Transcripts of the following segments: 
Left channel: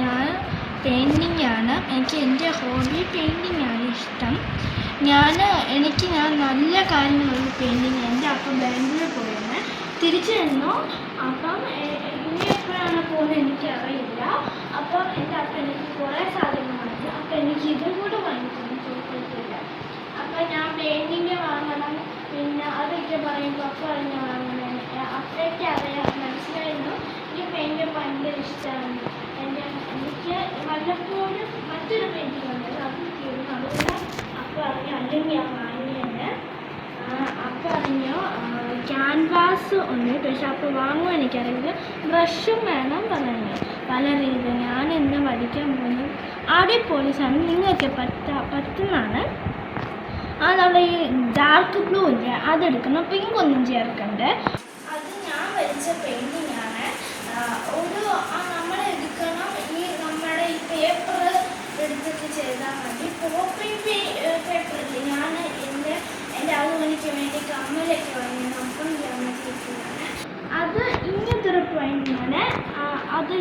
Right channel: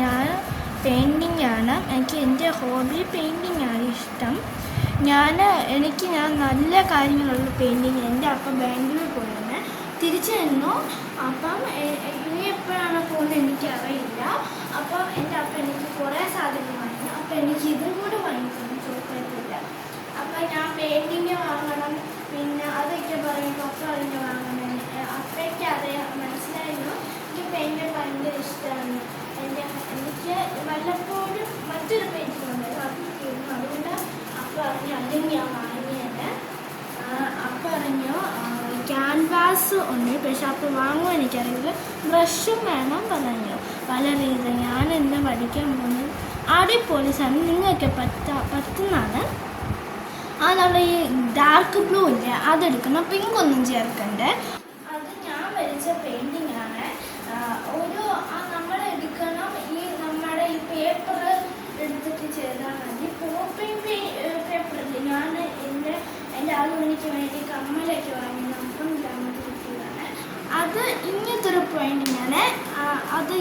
ഞാൻ പെയിൻറ്റിങ്ങാണ്. എൻ്റെ ഹോബി പെയിൻറ്റിങ്ങാണ് ഇഷ്ടം. ഞാൻ നല്ല കാര്യങ്ങളുള്ള പെയിൻറ്റിങ്. എൻ്റെ അപ്പം ബാംഗ്ലൂരിൽ പോയിരുന്നെ തിരിച്ചു വന്നു. അപ്പം ഇനി എപ്പോഴാണ് പോകുന്നത് എനിക്കറിയില്ല. അപ്പം എൻ്റെ അപ്പം എനിക്ക് കുറേ സാധനങ്ങൾ വാങ്ങി. അപ്പം എനിക്ക് ഇതും കൂടെ വാങ്ങിക്കണം ചോദിക്കത്തില്ല. അപ്പം ഞാൻ പെയിൻറ്റിങ് വാങ്ങണം. പിന്നെ അതൊക്കെ പറയുമ്പോൾ അപ്പം അതിന് വാങ്ങണം. അപ്പോഴേക്ക് അറിയാം മനസ്സിലായിരുന്നു എനിക്ക് പെയിൻറ്റ് ഭയങ്കര ഇഷ്ടമാണ്. എനിക്ക് വല്ലപ്പോഴും മറ്റൊരു പെയിൻറ്റിങ് ഉണ്ട് അത് ചെയ്യുന്നു. അതുകൊണ്ട് അപ്പം അറിഞ്ഞു അല്ലെങ്കിൽ ഞാൻ വാങ്ങിയത്. അപ്പം അറിഞ്ഞു ക്യാൻവാസ് ഉണ്ട്. പക്ഷെ അപ്പം വാങ്ങുവാൻ എനിക്കറിയില്ല. ബ്രഷും വേണം പറഞ്ഞു പല രീതിയിൽ. ഞാൻ എന്താ പഠിക്കാൻ പോകുന്നത് അടിപൊളി സാധനം നിങ്ങൾക്ക് പറ്റുന്നതാണ്. നമ്മൾ ഈ ഡാർക്ക് ബ്ലൂ ഇല്ലേ അതെടുക്കണം. പിങ്ക് ഒന്നും ചേർക്കണ്ടേ. അത് ഞാൻ വരച്ച പെയിൻറ്റിങ് ആണ്. നമ്മളെടുക്കണം നമ്മുടെ ഈ പേപ്പർ എടുത്തിട്ട് ചെയ്താൽ മതി. പോപ്പിംഗ് പേപ്പർ ഇല്ലേ ഞാൻ എൻ്റെ ആളുകൾക്ക് വേണ്ടി കമ്മലൊക്കെ വാങ്ങി നോക്കാൻ ഗ്രാമത്തിലാണ്. അത് ഇങ്ങനത്തെ ഒരു പെയിൻറ്റിങ് ആണ്. അത്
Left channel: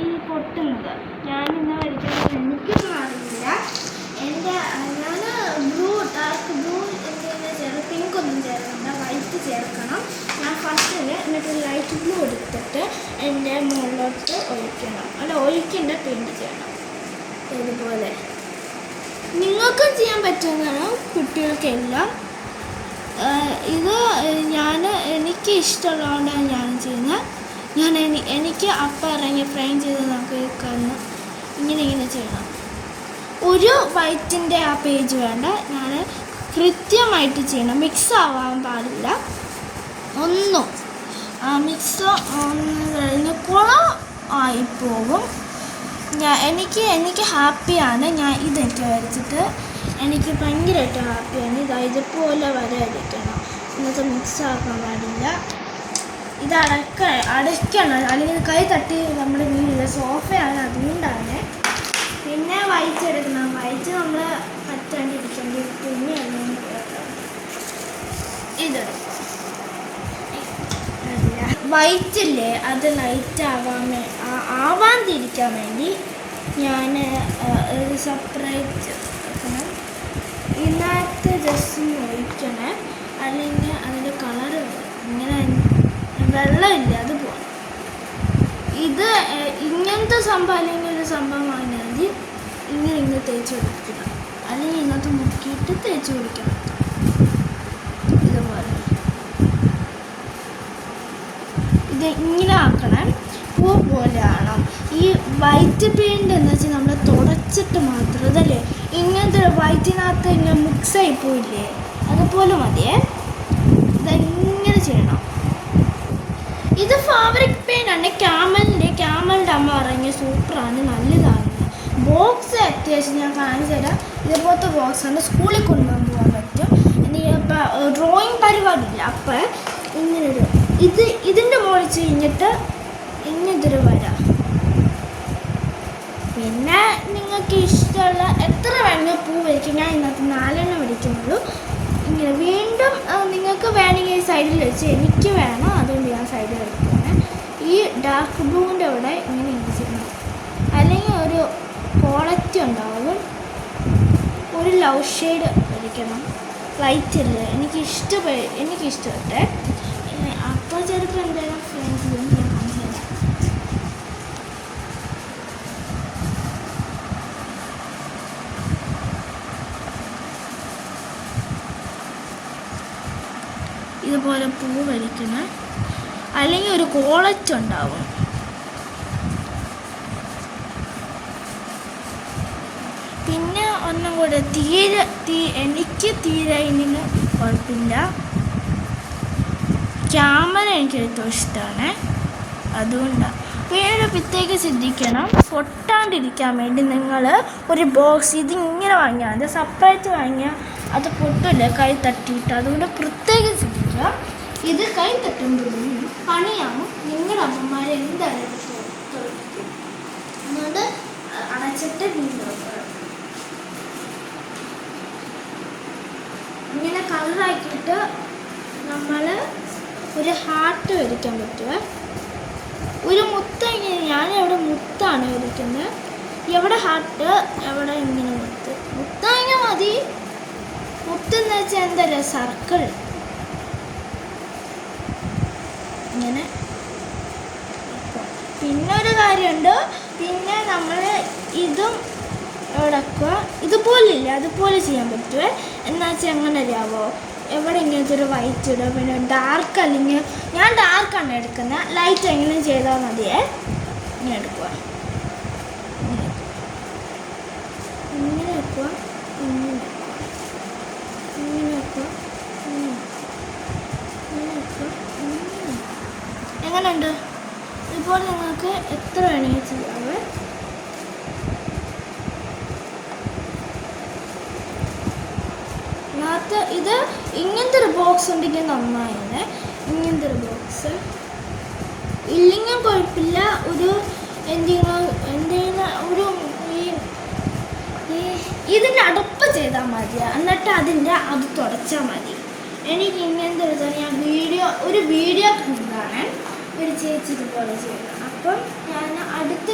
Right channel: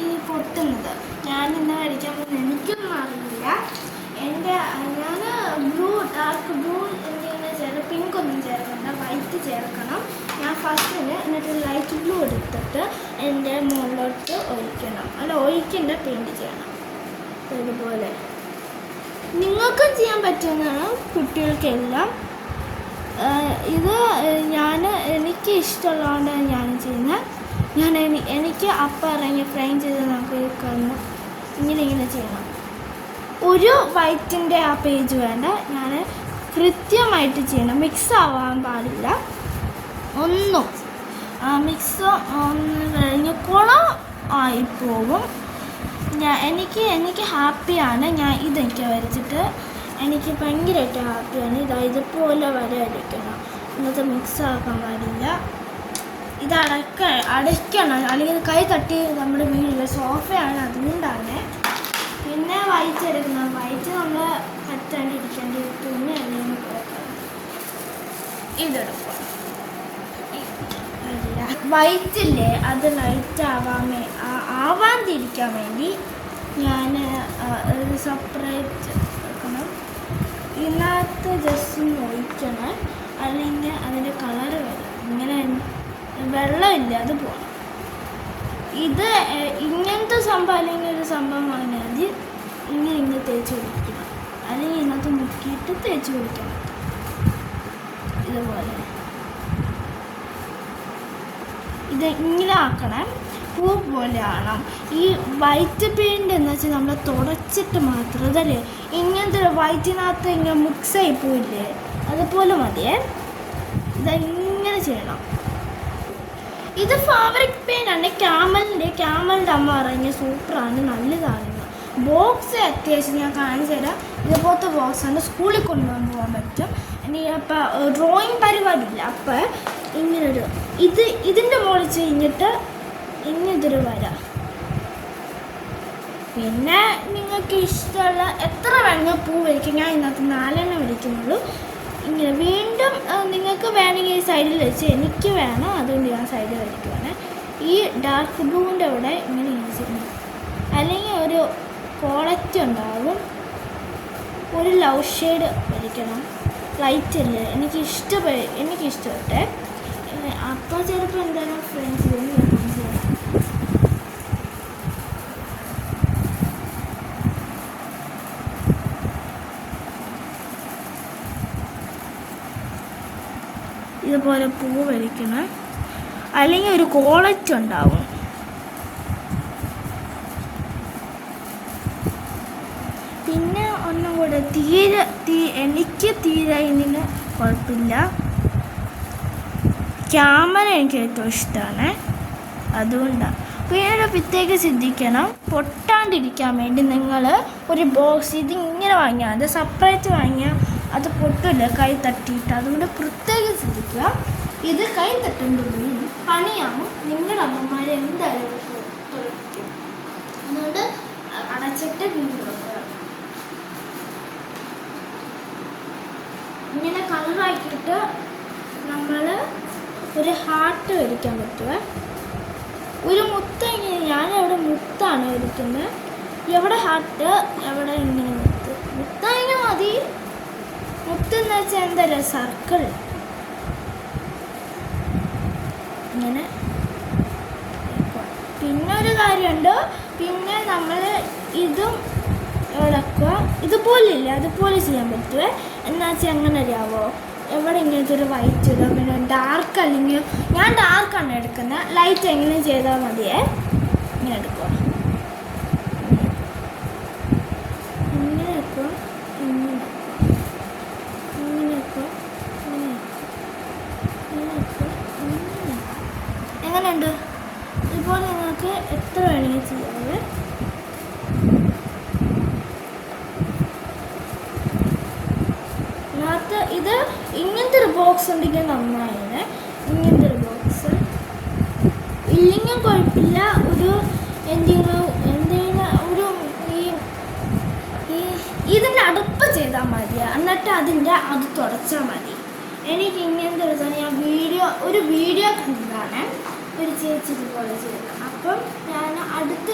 ഈ പൊട്ടുന്നത് ഞാൻ ഇന്ന് വരയ്ക്കുന്നത് എനിക്കൊന്നും അറിയില്ല. ഞാൻ ബ്ലൂ ഡാർക്ക് ബ്ലൂ എന്തെങ്കിലും ചേർത്ത് പിങ്ക് ഒന്നും ചേർക്കണ്ട, വൈറ്റ് ചേർക്കണം. ഞാൻ ഫസ്റ്റിന് എന്നിട്ട് ലൈറ്റ് ബ്ലൂ എടുത്തിട്ട് എൻ്റെ മുകളിലോട്ട് ഒഴിക്കണം. അല്ല ഒഴിക്കേണ്ട പെയിൻറ്റ് ചെയ്യണം. ഇതുപോലെ നിങ്ങൾക്കും ചെയ്യാൻ പറ്റുന്നതാണ് കുട്ടികൾക്കെല്ലാം. ഇത് എനിക്ക് ഇഷ്ടമുള്ളതുകൊണ്ടാണ് ഞാൻ ചെയ്യുന്നത്. എനിക്ക് അപ്പം ഇറങ്ങി ഫ്രെയിം ചെയ്ത് നമുക്ക് കാണണം. ഇങ്ങനെ ചെയ്യണം. ഒരു വൈറ്റിൻ്റെ ആ പേജ് വേണ്ട. ഞാൻ കൃത്യമായിട്ട് ചെയ്യണം. മിക്സ് ആവാൻ പാടില്ല ഒന്നും. മിക്സ് കഴിഞ്ഞ് കുളം ആയിപ്പോകും. എനിക്ക് ഹാപ്പിയാണ്. ഞാൻ ഇതൊക്കെ വരച്ചിട്ട് എനിക്ക് ഭയങ്കരമായിട്ട് ഹാപ്പിയാണ്. ഇതുപോലെ വരയടിക്കണം. എന്നിട്ട് മിക്സ് ആക്കാൻ പാടില്ല. ഇത് അടയ്ക്കണം. അല്ലെങ്കിൽ കൈ തട്ടി നമ്മുടെ വീട്ടിലെ സോഫയാണ്, അതുകൊണ്ടാണ്. പിന്നെ വൈറ്റ് എടുക്കണം. വൈറ്റ് നമ്മൾ പറ്റാണ്ടിരിക്കേണ്ടി പിന്നെ ഇതെടുക്കും. വൈറ്റില്ലേ അത് ലൈറ്റ് ആവാതിരിക്കാൻ വേണ്ടി ഞാൻ സെപ്പറേറ്റ് എടുക്കണം. ഇതിനകത്ത് ജസ്റ്റ് നോക്കണേ, അല്ലെങ്കിൽ അതിൻ്റെ കളർ ഇങ്ങനെ വെള്ളമില്ല അത് പോകണം. ഇത് ഇങ്ങനത്തെ സംഭവം അല്ലെങ്കിൽ ഒരു സംഭവം വാങ്ങിയാൽ മതി. ഇങ്ങനെ തേച്ച് പിടിക്കണം, അല്ലെങ്കിൽ ഇങ്ങനത്തെ മുക്കിയിട്ട് തേച്ച് പിടിക്കണം. ഇതുപോലെ ഇത് ഇങ്ങനെ ആക്കണം. പൂ പോലെ ആണം. ഈ വൈറ്റ് പെയിൻ്റ് എന്ന് വെച്ചാൽ നമ്മൾ തുടച്ചിട്ട് മാത്രം അതല്ലേ ഇങ്ങനത്തെ വൈറ്റിനകത്ത് ഇങ്ങനെ മിക്സായി പോയില്ലേ അതുപോലെ മതിയേ. ഇതെങ്ങനെ ചെയ്യണം. ഇത് ഫാബ്രിക് പെയിൻ്റ് ആണ്. ക്യാമലിൻ്റെ അമ്മ പറഞ്ഞ സൂപ്പറാണ്, നല്ലതാണ്. ബോക്സ് അത്യാവശ്യം ഞാൻ കാണിച്ചു തരാം. ഇതുപോലത്തെ ബോക്സാണ്. സ്കൂളിൽ കൊണ്ടുപോകാൻ പറ്റും. എനിക്ക് അപ്പം ഡ്രോയിങ് പരിപാടിയില്ല. അപ്പം ഇങ്ങനെ ഇതിൻ്റെ മുകളിൽ കഴിഞ്ഞിട്ട് ഇങ്ങനൊരു വര. പിന്നെ നിങ്ങൾക്ക് ഇഷ്ടമുള്ള എത്ര വേണമെങ്കിൽ പൂ വരയ്ക്കും. ഞാൻ ഇതിനകത്ത് 4 വരയ്ക്കുന്നുള്ളൂ. ഇങ്ങനെ വീണ്ടും നിങ്ങൾക്ക് വേണമെങ്കിൽ ഈ സൈഡിൽ വെച്ച് എനിക്ക് വേണം, അതുകൊണ്ട് ഞാൻ സൈഡിൽ വരയ്ക്കുന്നത്. ഈ ഡാർക്ക് ബ്ലൂവിൻ്റെ അവിടെ ഇങ്ങനെ ഇരിക്കണം. അല്ലെങ്കിൽ ഒരു ക്വാളിറ്റി ഉണ്ടാവും. ഒരു ലവ് ഷെയ്ഡ് വരയ്ക്കണം. ലൈറ്റില്ല എനിക്കിഷ്ടപ്പെട്ടെ. അപ്പോൾ ചിലപ്പോൾ എന്തായാലും ഫ്രണ്ട്സിൽ ഞാൻ കാണിച്ചു തരാം. ഇതുപോലെ പൂ വരയ്ക്കണം. അല്ലെങ്കിൽ ഒരു ക്വാളിറ്റി ഉണ്ടാവും. പിന്നെ ഒന്നും കൂടെ എനിക്ക് തീരെ ഇതിന് കുഴപ്പമില്ല. ക്യാമറ എനിക്ക് ഏറ്റവും ഇഷ്ടമാണ്, അതുകൊണ്ടാണ്. വേറെ പ്രത്യേകം ശ്രദ്ധിക്കണം, പൊട്ടാണ്ടിരിക്കാൻ വേണ്ടി നിങ്ങൾ ഒരു ബോക്സ് ഇതിങ്ങനെ വാങ്ങിയാൽ അത് സെപ്പറേറ്റ് വാങ്ങിയാൽ അത് പൊട്ടില്ല കൈ തട്ടിയിട്ട്. അതുകൊണ്ട് പ്രത്യേകം ശ്രദ്ധിക്കുക. ഇത് കൈ തട്ടുമ്പോഴും പണിയാവും. നിങ്ങളുടെ അമ്മമാർ എന്തായാലും അതുകൊണ്ട് അടച്ചിട്ട് വീണ്ടും ഇങ്ങനെ കളറാക്കിയിട്ട് നമ്മൾ ഒരു ഹാർട്ട് വരയ്ക്കാൻ പറ്റുക. ഒരു മുത്ത ഞാനിവിടെ മുത്താണ് വരയ്ക്കുന്നത്. എന്നിട്ട് എവിടെ ഇങ്ങനെ മുത്തങ്ങ മതി. മുത്തെന്ന് വെച്ചാൽ എന്തല്ലേ സർക്കിൾ ഇങ്ങനെ. പിന്നെ ഒരു കാര്യമുണ്ട്, പിന്നെ നമ്മൾ ഇതും ഇളക്കുക. ഇതുപോലില്ല, അതുപോലെ ചെയ്യാൻ പറ്റുമേ. എന്നാ വെച്ചാൽ എങ്ങനെ അറിയാമോ, എവിടെ ഇങ്ങനത്തെ ഒരു വൈറ്റ് ഇടുക, പിന്നെ ഡാർക്ക് അല്ലെങ്കിൽ ഞാൻ ഡാർക്കാണ് എടുക്കുന്നത്, ലൈറ്റ് എങ്കിലും ചെയ്താൽ മതിയേ. ഇങ്ങനെ എടുക്കുക, ഇങ്ങനെ വെക്കുക, ഇങ്ങനെ വെക്കുക, എങ്ങനെയുണ്ട്? ഇതുപോലെ നിങ്ങൾക്ക് എത്ര വേണമെങ്കിൽ ചെയ്യാമേ. ഇത് ഇങ്ങനത്തെ ഒരു ബോക്സ് ഉണ്ടെങ്കിൽ നന്നായില്ലേ. ഇങ്ങനത്തെ ഒരു ബോക്സ് ഇല്ലെങ്കിൽ കുഴപ്പമില്ല. ഒരു എന്തെങ്കിലും ഒരു ഇതിൻ്റെ അടുപ്പ് ചെയ്താൽ മതി, എന്നിട്ട് അത് തുടച്ചാൽ മതി. എനിക്ക് ഇങ്ങനത്തെ ഒരു വീഡിയോ കണ്ടതാണ് ഒരു ചേച്ചി ഇതുപോലെ ചെയ്തത്. അപ്പം ഞാൻ അടുത്ത